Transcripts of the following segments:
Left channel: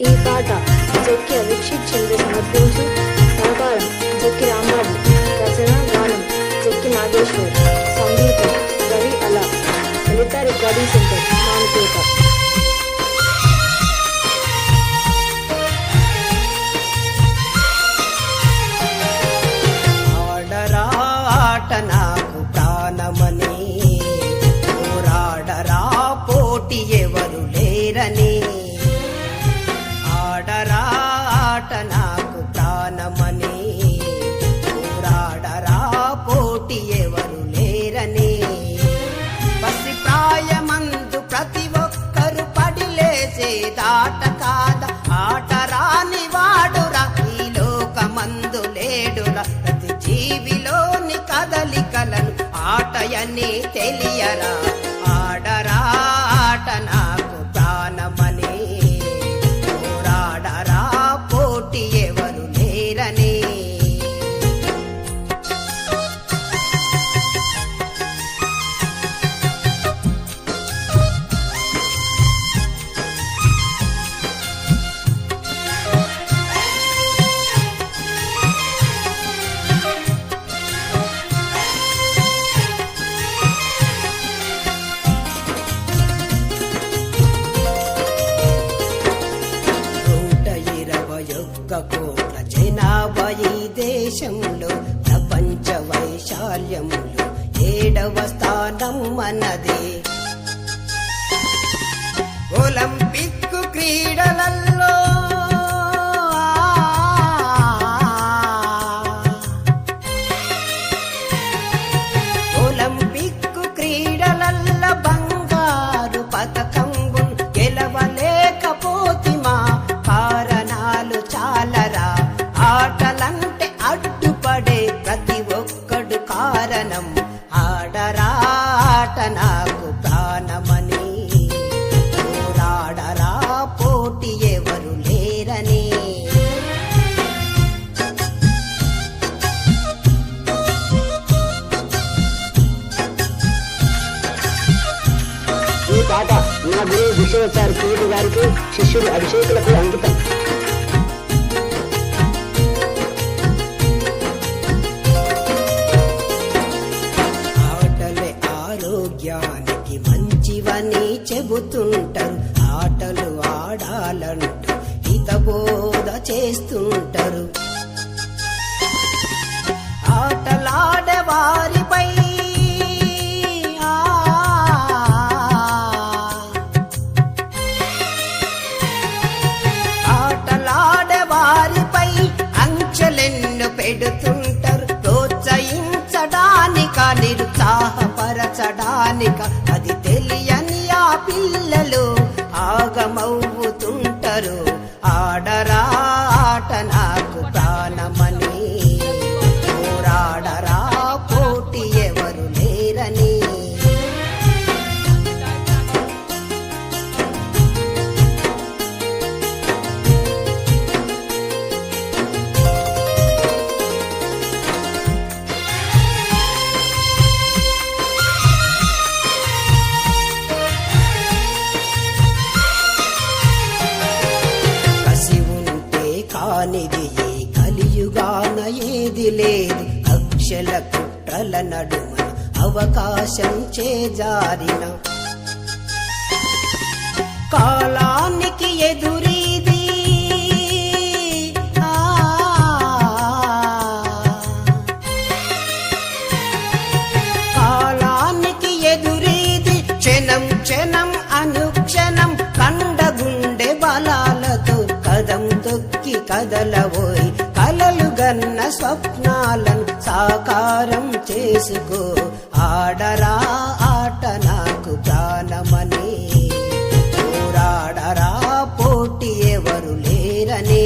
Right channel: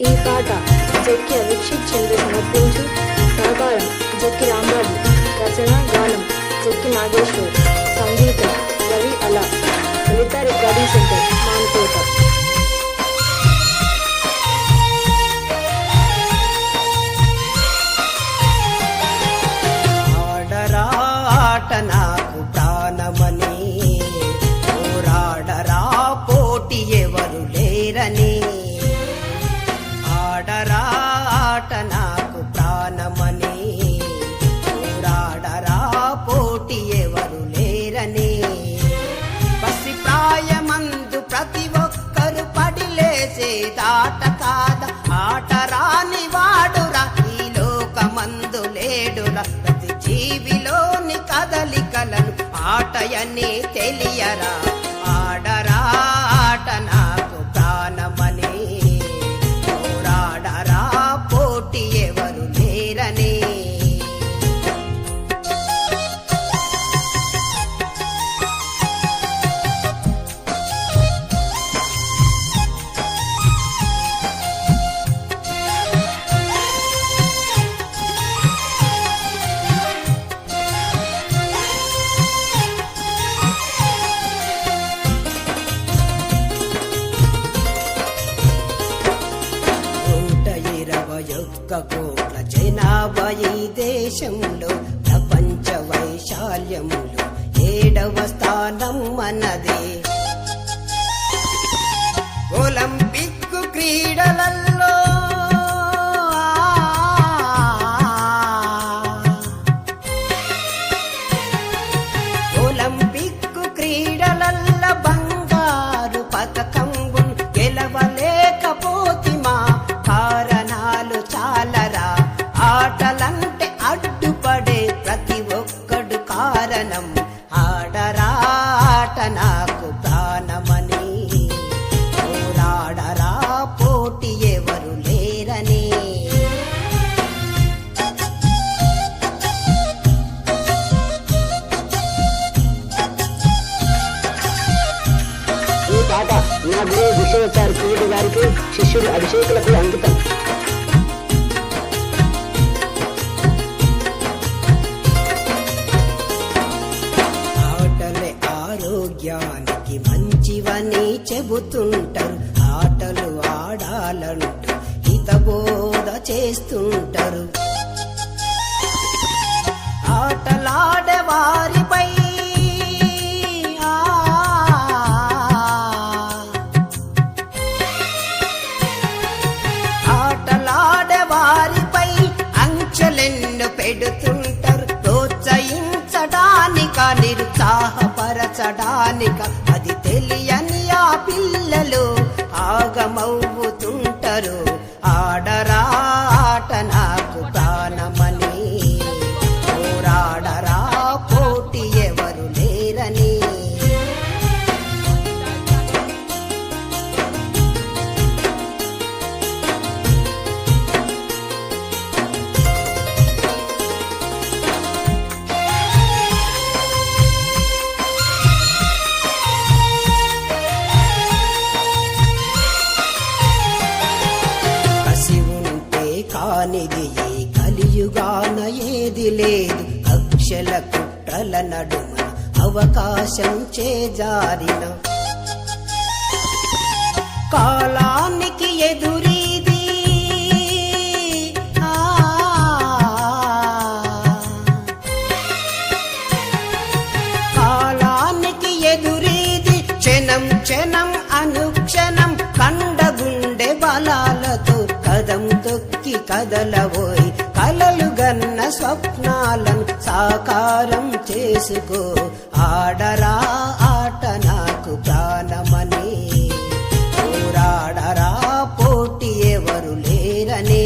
ఈ పాట జక్కి అభిక్షిత్ చంద్ర సమర్పించు. సహకారం జక్కి రాంబాబు. రచన గానం జక్కి నాగేశ్వర్. సంగీతం రవి అలా. లలిత రికార్డింగ్ సెంటర్ మానుకోట. ఆట నాకు ప్రాణమని, పోరాడరా పోటీ ఎవరు లేరని. ఆడరా ఆట నాకు ప్రాణమని, పోరాడరా పోటీ ఎవరు లేరని. పసి ప్రాయమందు ప్రతి ఒక్కరు పడిలేసే దాట కాద. ఆట రాని వాడురా ఈ లోకమందు లేడురా. ప్రతి జీవిలోని కదలికలను ఆటయని తెలియరా. ఆడరా ఆట నాకు ప్రాణమని, పోరాడరా పోటీ ఎవరు లేరని. కోట్ల జనాభా ఈ దేశంలో, ప్రపంచ వైశాల్యములో 7వ స్థానం మనదే. ఒలింపిక్ క్రీడలలో ఒలింపిక్ క్రీడలలో బంగారు పతకం గెలవలేకపోతిమా. కారణాలు చాలరా. ఆటలంటే అడ్డుపడే ప్రతి ఒక్కడు కారణం. ఆడరా ఆట నాకు ప్రాణమని, పోరాడరా పోటీ ఎవరు లేరని. ఈ పాట నా గురువు విశ్వనాథ్ కిరీటి గారికి, శిష్యుడు అభిషేకులకు అంకితం. ఆటలే ఆరోగ్యానికి మంచివని చెబుతుంటారు. ఆటలు ఆడాలంటూ హితబోధ చేస్తుంటారు. ఆటలాడే వారిపై ఆంక్షలెన్ను పెడుతుంటారు. ప్రోత్సహించడానిక నిరుత్సాహపరచడానిక అది తెలియని ఆ పిల్లలు ఆగమవుతుంటారు. ఆడరా ఆట నాకు ప్రాణమని, పోరాడరా పోటీ ఎవరు లేరని. కానిది ఈ కలియుగాన ఏది లేదు. కక్షల కుట్రల నడుమన అవకాశం చేజారిన కాలానికి ఎదురీది. కాలానికి ఎదురీది. క్షణం క్షణం అనుక్షణం కండగుండె బలాలతో కదం తొక్కి కదలబోయి కలలు గన్న స్వప్నాలను సాకారం చేసుకో. ఆడరా ఆట నాకు ప్రాణమని, పోరాడరా పోటీ ఎవరు లేరని.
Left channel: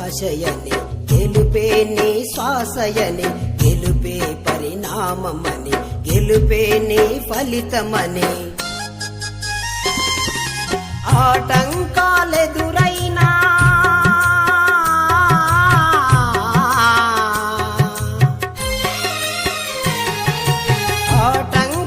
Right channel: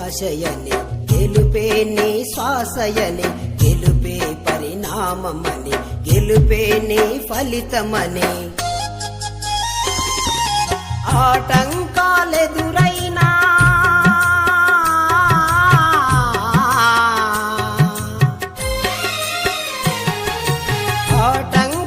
ఆశయని గెలుపే నీ శ్వాసయని, గెలుపే పరిణామమని, గెలుపే నీ ఫలితమని. ఆటంకాలెదురైనా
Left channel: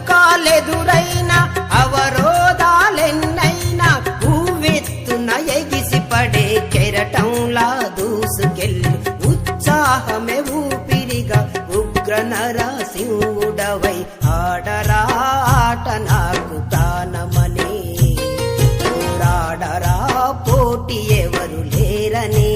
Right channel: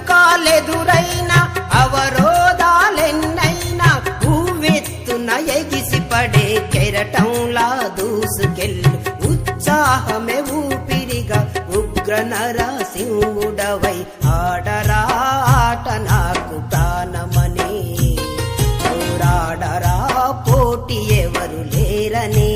ఆటంకాలెదురైనా అవరోధాలెన్నైనా ఊవెత్తున ఎగిసిపడే కెరటంలా దూసుకెళ్ళు. ఉత్సాహమే ఊపిరిగా ఉగ్ర నరసింహుడవై ఆడరా ఆట నాకు ప్రాణమని, పోరాడరా పోటీ ఎవరు లేరని.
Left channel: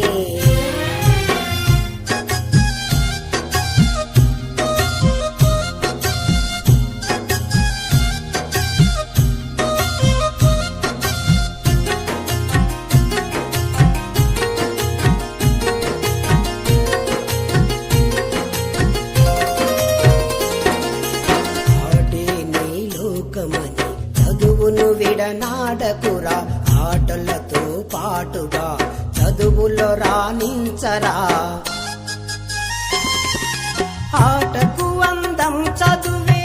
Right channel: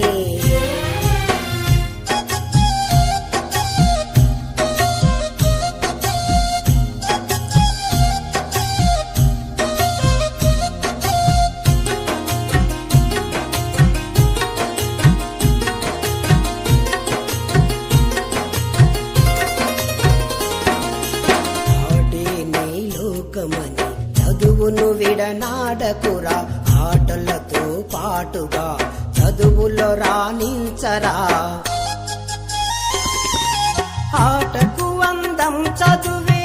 చదువును విడనాడకురా, ఆటలతో పాటుగా చదువులో రాణించరా. ఆటకు అందం చదువే,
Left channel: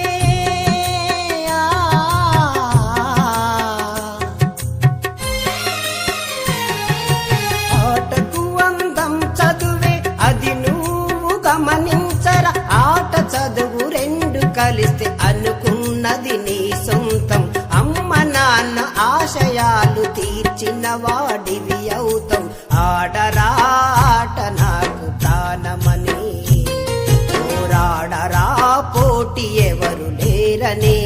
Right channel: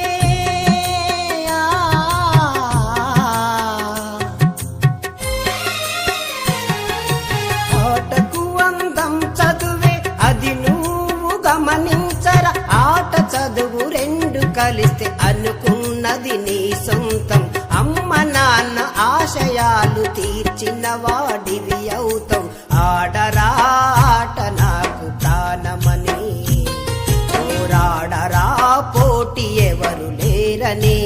ఆటకు అందం చదువే అది నువ్వు గమనించరా. ఆట చదువు రెండు కలిస్తే అనుకున్నది నీ సొంతం. అమ్మ నాన్న ఆశయాలు తీర్చిన వాడివి అవుతావు. ఆడరా ఆట నాకు ప్రాణమని, పోరాడరా పోటీ ఎవరు లేరని.